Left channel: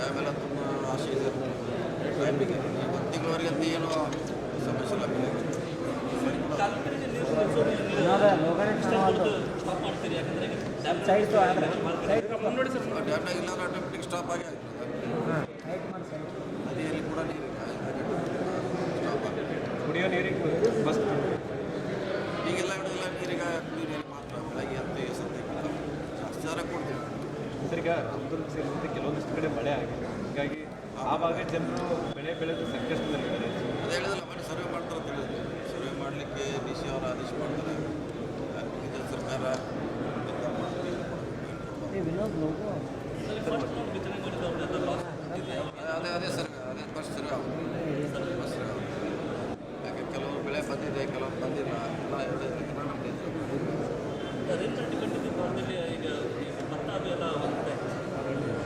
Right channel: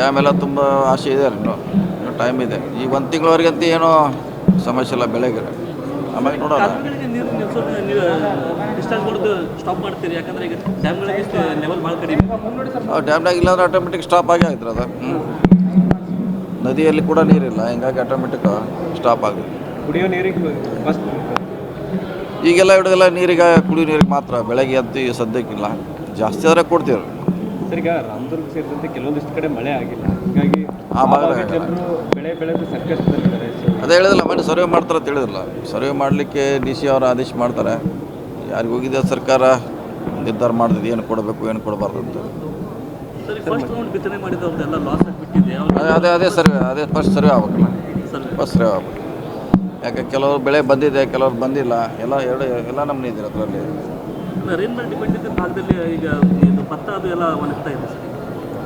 Dam ಎಲ್ಲ ತುಂಬ ಆಸೆ ಇದೆ ಇನ್ನೂ ಟೈಮ್ ಇದೆ. ಈಗ 1 ತಿಂಗಳವರೆಗಂತೂ ಏನೂ ಸಮಸ್ಯೆ ಇಲ್ಲ ಬೆಳೆಗೆ. ಆಮೇಲೆ ನೋಡೋಣ. ಡ್ಯಾಮ್ನಾಗ ಇಲ್ಲಾಂದ್ರೆ ಆಟೋಮೆಟಿಕ್ ಸ್ಟಾಪ್ ಆಗೇ ಆಯ್ತು ಅದು. ನದಿಯಲ್ಲಿ ಕೂಡ ನೀರಿಲ್ಲ, ಹಿಂಗಾಗಿ ಆಟೋಮೆಟಿಕ್ ಸ್ಟಾಪ್ ಆಗುತ್ತೆ. ಕುಡಿಯೋ ನೀರಿಗೆ ಈಗೆಲ್ಲ ಹಿಡಿದೆಲ್ಲ ನೀರಿಗೆ ಕುಡಿಯೋ ನೀರಿಗೆ ಮಾತ್ರ, ಬೆಳಗ್ಗೆ ಅಂತೂ ಸದ್ಯಕ್ಕಿಲ್ಲ. ಜಾಸ್ತಿ ಆದರೆ ಕೊಡ್ತೀವಿ. ಸರ್, ಈಗ ರಾಮದುರ್ಗ ಸೇರಿದಂತೆ ಕೆಲವೊಂದಿಷ್ಟು ಕಡೆ ಮಳೆ ಆಗಿಲ್ಲ, ಹೀಗಾಗಿ ಆ ಭಾಗ ಜನರು ಬೆಳೆ ಬೆಳೆದು ಸಂಕಷ್ಟದಲ್ಲಿದ್ದಾರೆ. ಅದೇ ಹೇಳಿದಿಲ್ಲ, ಮನೆ ಸರ್ವೆ ಮಾಡ್ತಾರೆ ಅಂತ ಹೇಳಿದಿಲ್ಲ. ಸರ್ವೆ ಮಾಡಲಿಕ್ಕೆ DC ಅವರು ಆದೇಶ ಮಾಡ್ತಾರೆ. ಯಾರಿಗೆ ಹೋಗಿದೆ ಸರ್ಕಾರ ನಿರ್ಧಾರ ಮಾಡಿದ್ದು ಏನು ಕೊಡಬೇಕು ಏನು ಕೊಡಬಾರ್ದು ಅಂತ. ಅದೇ ಫಸ್ಟ್ ಸರ್ವೆ ಆಗ್ಬೇಕಲ್ಲ. ಫಸ್ಟ್ ಸರ್ವೆ ಆಗ್ಬೇಕು. ಯಾಕೆ ಕೆಲವರು ಬೆಳೆ ಬಂದಿದೆ, ಕೆಲವ್ರು ಬಂದಿಲ್ಲ. ಎಲ್ಲ ನಮ್ಮನೆ ಇದೆ ಅದರಲ್ಲಿ.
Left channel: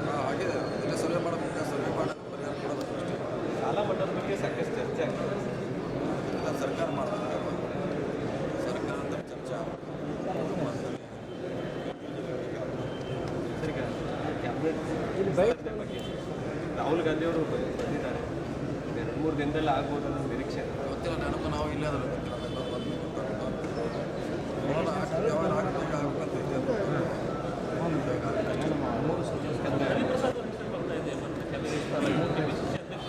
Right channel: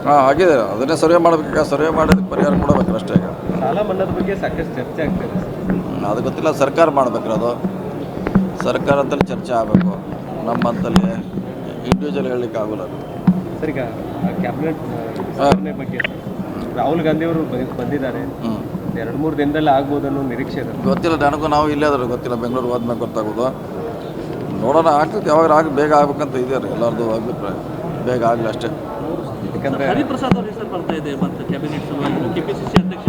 ಹಾಂ, ಆಗಿದೆ. ಅದನ್ನೇ ಸರ್ವೆ ಮಾಡಬೇಕು. ಸರ್ವೆ ಮಾಡೋದಕ್ಕೆ ಪರಿಹಾರ ಕೊಡಬೇಕು ಅಷ್ಟೇ. ಈಗ ಸಾಲ ಮನ್ನಾದ ಬಗ್ಗೆ ಸಾಕಷ್ಟು ಚರ್ಚೆ ಆಗ್ತಾಯಿದೆ. ಅದು ಗೊತ್ತಿಲ್ಲ, ಸರ್ಕಾರ ಮಾಡಬೇಕು. ಅದು ಸರ್ಕಾರದಲ್ಲಿ ಚರ್ಚೆ ಆಗಬೇಕು. ನಮ್ಮಂತಲ್ಲಿ ಇಂಡಿವಿಜುವಲ್ ಹೇಳಲಿಕ್ಕೆ ಆಗೋಲ್ಲ. ಸರ್, ಈಗ ಕ್ಯಾಬಿನೆಟ್ ಬಗ್ಗೆ ರಾಹುಲ್ ಗಾಂಧಿ ಅವರು ಬಂದಿದ್ದಾರೆ. 2-3 ದಿನದಲ್ಲಿ ಆಗ್ಬೋದು ಅನ್ನೋ ನಿರೀಕ್ಷೆ ಇದೆ. ಗೊತ್ತಿಲ್ಲ ನನಗೂ. ನಾವು ಇಲ್ಲೇ ಆದರೂ ಗೊತ್ತಿಲ್ಲ. ಬೆಂಗಳೂರು ಹೋದ್ಮೇಲೆ ಗೊತ್ತಾಗೋದು. ನೋಡೋಣ, ಆಗ್ತದೆ. ಯಾವಾಗ ಬೇಗ ಆಗ್ಬೇಕಂತ ಇದೆ ಎಲ್ಲರದ್ದು ಅಭಿಪ್ರಾಯ. ಬೇಗ ಆಗಲಿ ಅಷ್ಟೇ. ಯಾಕಂದರೆ ಹರಿಪ್ರಸಾದ್ ಅವ್ರ ಹೆಸರು ಬರ್ತಾ ಇದೆ ಮತ್ತು ಕ್ಯಾಬಿನೆಟ್ KPCC ಅಧ್ಯಕ್ಷ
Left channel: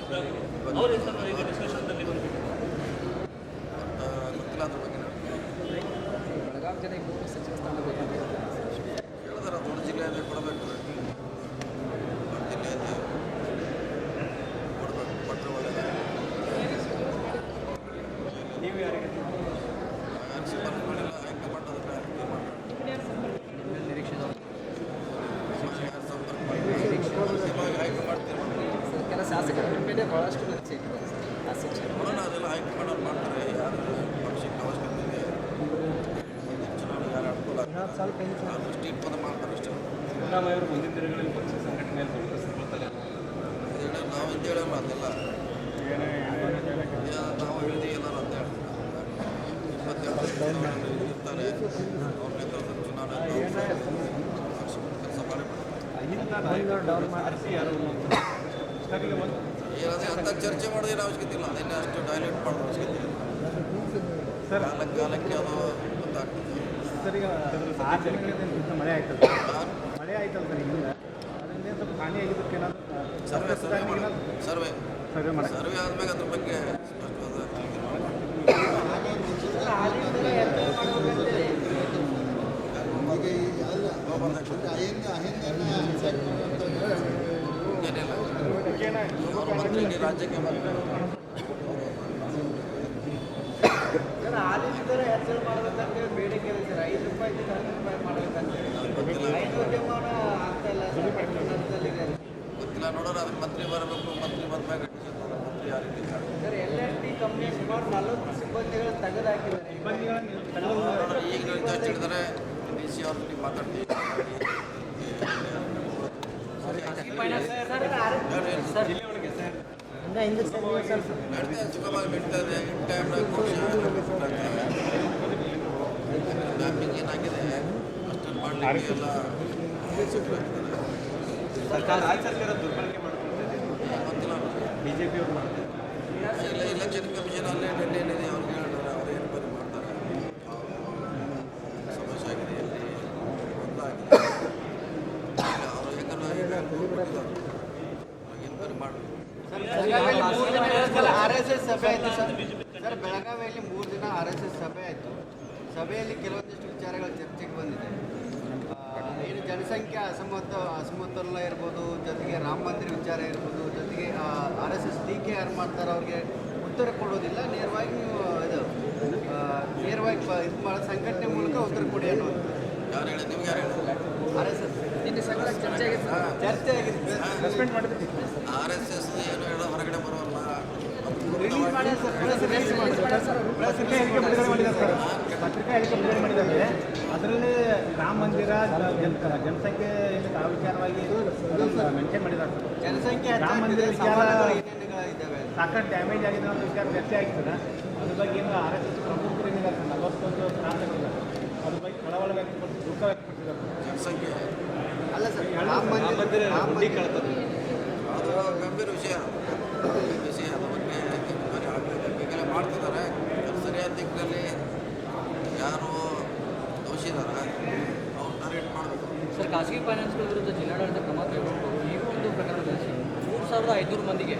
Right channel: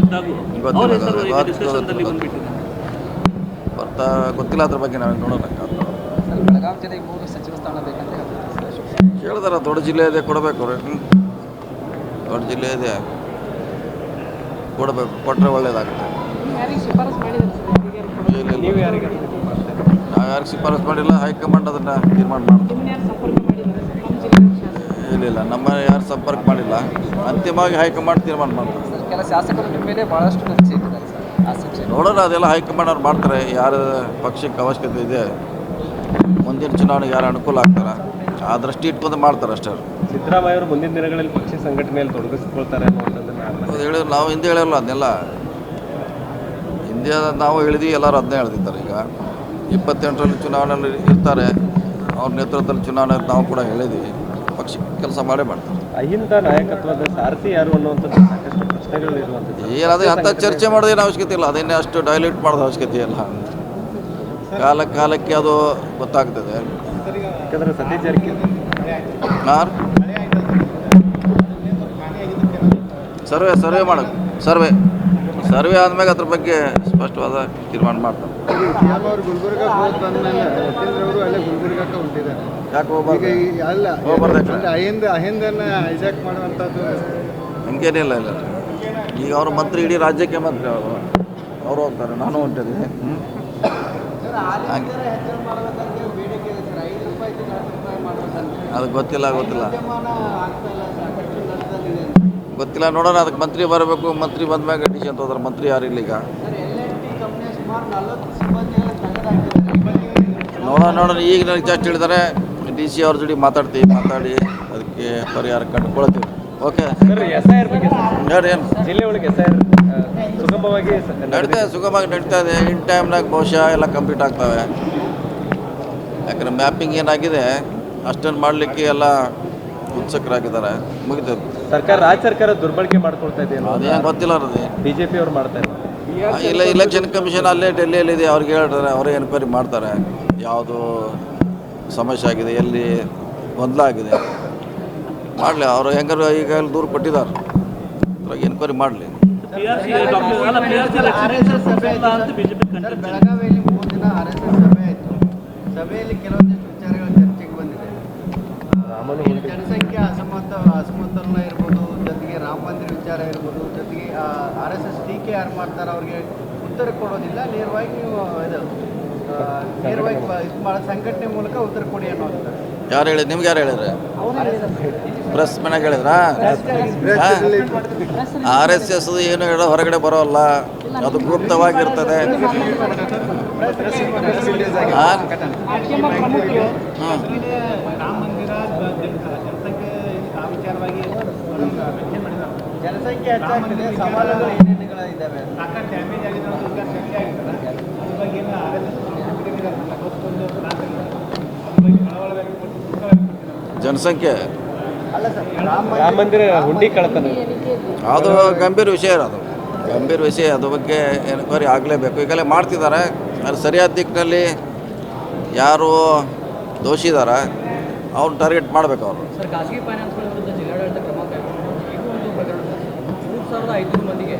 ಗೊತ್ತಿಲ್ಲ ಅದ್ರ ಬಗ್ಗೆ. ನಾವು ನೋಡೋಣ. ಬೆಳಗಾವಿ ಜಿಲ್ಲೆಗೆ 3 ಸಚಿವ ಸ್ಥಾನ ಬೇಕಂತ ಕೇಳಿದಾರೆ. ದೊಡ್ಡ ಜಿಲ್ಲೆ ಇದೆ, ಕೊಡಬೇಕು. ದೊಡ್ಡ ಜಿಲ್ಲೆ ಇದೆ, ಕೊಡಬೇಕು. ಕೊಟ್ಟರೆ ಒಳ್ಳೇದಾಗುತ್ತೆ. ನೀವು ಯಾರಿಗೆ ನಾವು ಯಾರಿಗೆ ಶಿಫಾರಸು ಮಾಡಿಲ್ಲ. ಹೈಕಮಾಂಡ್ ಅದನ್ನು ತೀರ್ಮಾನ ಮಾಡ್ತಾರೆ. ಇಲ್ಲ, ನಮ್ಮ ಯಾರು ಸಂಪರ್ಕ ಮಾಡಿಲ್ಲ. ಅಂತಿಮವಾಗಿ ಹೈಕಮಾಂಡ್ ತೀರ್ಮಾನ ಮಾಡ್ತಾರೆ. ಕೆಲ ಶಾಸಕರ ಮೇಲೆ ಭಾಳಷ್ಟು ನಿರೀಕ್ಷೆ ಇಟ್ಟಿದ್ದಾರೆ ಸರ್. ನೋಡೋಣ, ಅದೆಲ್ಲ ಹೈಕಮಾಂಡ್ ಅವ್ರು ಮಾಡ್ತಾರೆ. ಯಾರು ಪಕ್ಷಕ್ಕೆ ಅವಶ್ಯಕತೆ ಇದೆ, ಮುಂದಿನ ಚುನಾವಣೆಗೆ ಯಾರು ಅನುಕೂಲ ಆಗ್ತಾರೆ ಆ ದೃಷ್ಟಿ ಇಟ್ಕೊಂಡು ಮಾಡ್ತಾರೆ ಅಷ್ಟೇ. ಸಿದ್ದರಾಮಯ್ಯ ಅವರು ಮುಂದಿನ ದಿನಗಳಲ್ಲಿ ಪಕ್ಷ ಸಂಘಟನೆಯಲ್ಲಿ ತೊಡಗಿಸ್ಕೊಳ್ತಾರೆ ಅದು ಹೇಳಿದ್ರು. ನಾವು ಹಿಂದೆ ಹೇಳಿರಲ್ಲ ಅದನ್ನೆಲ್ಲ. ಹಿಂದೆ ನಾವು ಹೇಳಿದ್ವಿ, ಎಲ್ಲರೂ ಅದನ್ನೇ ಹೇಳ್ತಿದ್ದಾರೆ. ಈಗ 28ರಲ್ಲಿ ಚುನಾವಣೆಯಲ್ಲಿ ಇರ್ತಾರೆ. ಅವ್ರ ನೇತೃತ್ವದಲ್ಲಿ ಚುನಾವಣೆ ನಾವು ಕೂಡ ಹೇಳಿದ್ವಿ. ಪಕ್ಷಕ್ಕೆ ಕೆಲಸ ಮಾಡೇ ಮಾಡ್ತಾರೆ. ಅಹಿಂದ ನಾಯಕತ್ವದ ಸಾರಥಿ ಯಾರು ಅನ್ನುವಂಥದ್ದು ಸಾಕಷ್ಟು ಪ್ರಶ್ನೆಗಳು ಇರುವಂಥದ್ದು. ಏನಾದರೂ ಅಂಥ ಚರ್ಚೆ ಮಾಡೋದೇನು ಅವಶ್ಯಕತೆ ಇಲ್ಲ. ಅದನ್ನೇ ಅಷ್ಟು ಡೈಲ್ಯೂಟ್ ಮಾಡೋದು ಅವಶ್ಯಕತೆ ಇಲ್ಲ. ಕಾಲಕ್ಕೆ ಅದು ಗೊತ್ತಾಗ್ತದೆ. ಯಾಕಂದರೆ ಸದ್ಯ ಜಾರಕಿಹೊಳಿ ಸರ್ವೆ ಮಾಡೋದು. ಸರ್ವೆ ಆದಮೇಲೆ ಅದ್ರ ಬಗ್ಗೆ ಸ್ಪಷ್ಟವಾದ ತೀರ್ಮಾನ ಮಾಡ್ತಾರೆ. ಯಾಕೆ ಹಿಂಗೇನಿಲ್ಲ. ಇಲ್ಲ, ಈಗ ಅವರು ಮಂತ್ರಿ, ಇಡೀ ರಾಜ್ಯಕ್ಕೆ ಮಂತ್ರಿ ಅವರು ಹೋಗ್ತಾರೆ. ನಾನು ಹೊಂಟಿದ್ದೀನಿ. ಅದು ಗೊತ್ತಿಲ್ಲ. ನೋಡೋಣ. ಅದಕ್ಕೆ ಮಂತ್ರಿ ಬರಬೇಕು. ಮಂತ್ರಿ ಬಂದ್ಮ್ಯಾಗ ಡಿಸಿಷನ್ ತಗೋತಾರೆ. ಮಂತ್ರಿ ಯಾರು ಇಲ್ಲ ಈಗ. ನೋಡೋಣ. ಈಗ ನನಗೆ ಜಸ್ಟ್ ಹೇಳಿದ್ದಾರೆ. DC ಅವ್ರ ಜೊತೆ ಮಾತಾಡಿ ಅದಕ್ಕೆ ಪರಿಹಾರ ಕಂಡುಕೊಳ್ತೀವಿ. ಓಕೆ, ಹೇಳಿ. ಏನು ಸುಗಮವಾಗಿ ನಡೀತಾ ಇದೆ. ಇನ್ ಟೈಮ್ನಾಗ ಬಹುಶಃ ಎಲ್ಲ ಕಂಪ್ಲೀಟ್ ಆಗ್ತವೆ. ಯಾಕಂದರೆ ಮ್ಯಾಪಿಂಗ್ ಏನಾಗಿದೆ ಅಷ್ಟನ್ನು ಮಾಡಲಿಕ್ಕೆ ಎಲ್ಲ ಉತ್ಸುಕರಾಗಿದ್ದಾರೆ. ಮುಗಿತದೆ. ರಾಜ್ಯ ಸರ್ಕಾರ ದುರ್ಬಳಕೆ ಮಾಡ್ಕೊಳ್ತಾ ಇದೆ. ಅದೇನು ಗೊತ್ತಿಲ್ಲ. ಅದು BJP ಅವ್ರು ಮಾಡ್ತಾ ಇದ್ದಾರೆ. ಇಲ್ಲ, ಇಲೆಕ್ಷನ್ ಕಮಿಷನ್ ಅಲ್ಲೇ ಡೆಲ್ಲಿಯಲ್ಲಿದೆ. ಅವ್ರಿಗೆ ಹೇಳ್ತಾರೆ, ಅವರೇ ಎನ್ಕ್ವೈರಿ ಮಾಡ್ತಾರೆ. ಯಾವುದು ಸಮಸ್ಯೆ ಆಗಿದೆ, ಎಲ್ಲಿ ಗೊಂದಲ ಆಗಿದೆ ಮಾಡಲಿ. ಅವರು ಹೆಂಗಾರು ಈಗ ದೂರು ಕೊಟ್ಟಿದ್ದಾರೆ. ಅದ್ರಾಗ ಎನ್ಕ್ವೈರಿ ಮಾಡಲಿ. ಬೆಳಗಾವಿಯಲ್ಲಿ 3 ದಿನ RSS ಸಭೆ ಆಯಿತು. ಸಭೆಯಲ್ಲಿ ಕೆಲವೊಂದಿಷ್ಟು ವಿಚಾರಗಳ ಚರ್ಚೆಗೆ ಬಂದಿದೆ. ಜನಸಂಖ್ಯೆ ಅಸಮತೋಲನ ಇರ್ಬೋದು, ಜೊತೆಗೆ ರಾಮ ಮಂದಿರ ವಿಚಾರ ಇರ್ಬೋದು, ಜೊತೆಗೆ RSS ಟೀಕೆ ಯಾರು ಮಾಡ್ತಾರೆ ಅವ್ರಿಗೆ ಉತ್ತರ ಕೊಡೋದಿಲ್ಲ. ನೇರವಾಗಿ ನೀವು ಸಂಘಟನೆ ಮೂಲಕ ಉತ್ತರ ಕೊಡಿ ಅನ್ನೋದು. ಯಾರು ಹೇಳಿದ್ರು? ನಿಮ್ಗೆ ಯಾರು ಹೇಳಿದ್ರೆ? ಪ್ರೆಸ್ ಮನೆಗೆ ಹೇಳಿದ್ರಾ? RSS ಏನು ಹೇಳೋ ಹೊರಗಡೆ ಬರೋಲ್ಲ. ಅದು ಗುಪ್ತವಾಗಿರ್ತದೆ. ಜನಸಂಖ್ಯೆ ಹೆಚ್ಚಾಗಿದೆ, ಸವಾಲುಗಳು ಏನೇನುಗಳಿದ್ದಾವೆ? ಜನಸಂಖ್ಯೆ ಅಲ್ಲ ಸರ್ ರಾಮ ಮಂದಿರ ಹುಂಡಿ ಕಳ್ತನ ಅದು ಗಂಭೀರ ವಿಷಯ ಇರೋದು, ಗಂಭೀರ ವಿಷಯ. ಅದ್ರ ಬಗ್ಗೆ ಎನ್ಕ್ವೈರಿ ಆಗಲೇಬೇಕು. ಈಗಲೇ ಮಾಡ್ತಿದ್ದಾರೆ. ಅದು ಸರಿಯಾದ ದಿಕ್ಕಿನಲ್ಲಿ ಯಾರು ದೋಷಿ ಇದ್ದಾರೆ ಅವ್ರು ಟಾರ್ಗೆಟ್ ಮಾಡಬೇಕು ಅವರು. ಸರ್, ಖಾಸಗಿ ಫೈನಾನ್ಸ್ಗಳ ವಿರುದ್ಧ ಜಿಲ್ಲಾಡಳಿತ ಕ್ರಮ ಕೈಗೊಂಡು ಈಗ ಒಂದು ಪ್ರಕರಣ 3,500 ಮಂದಿಗೆ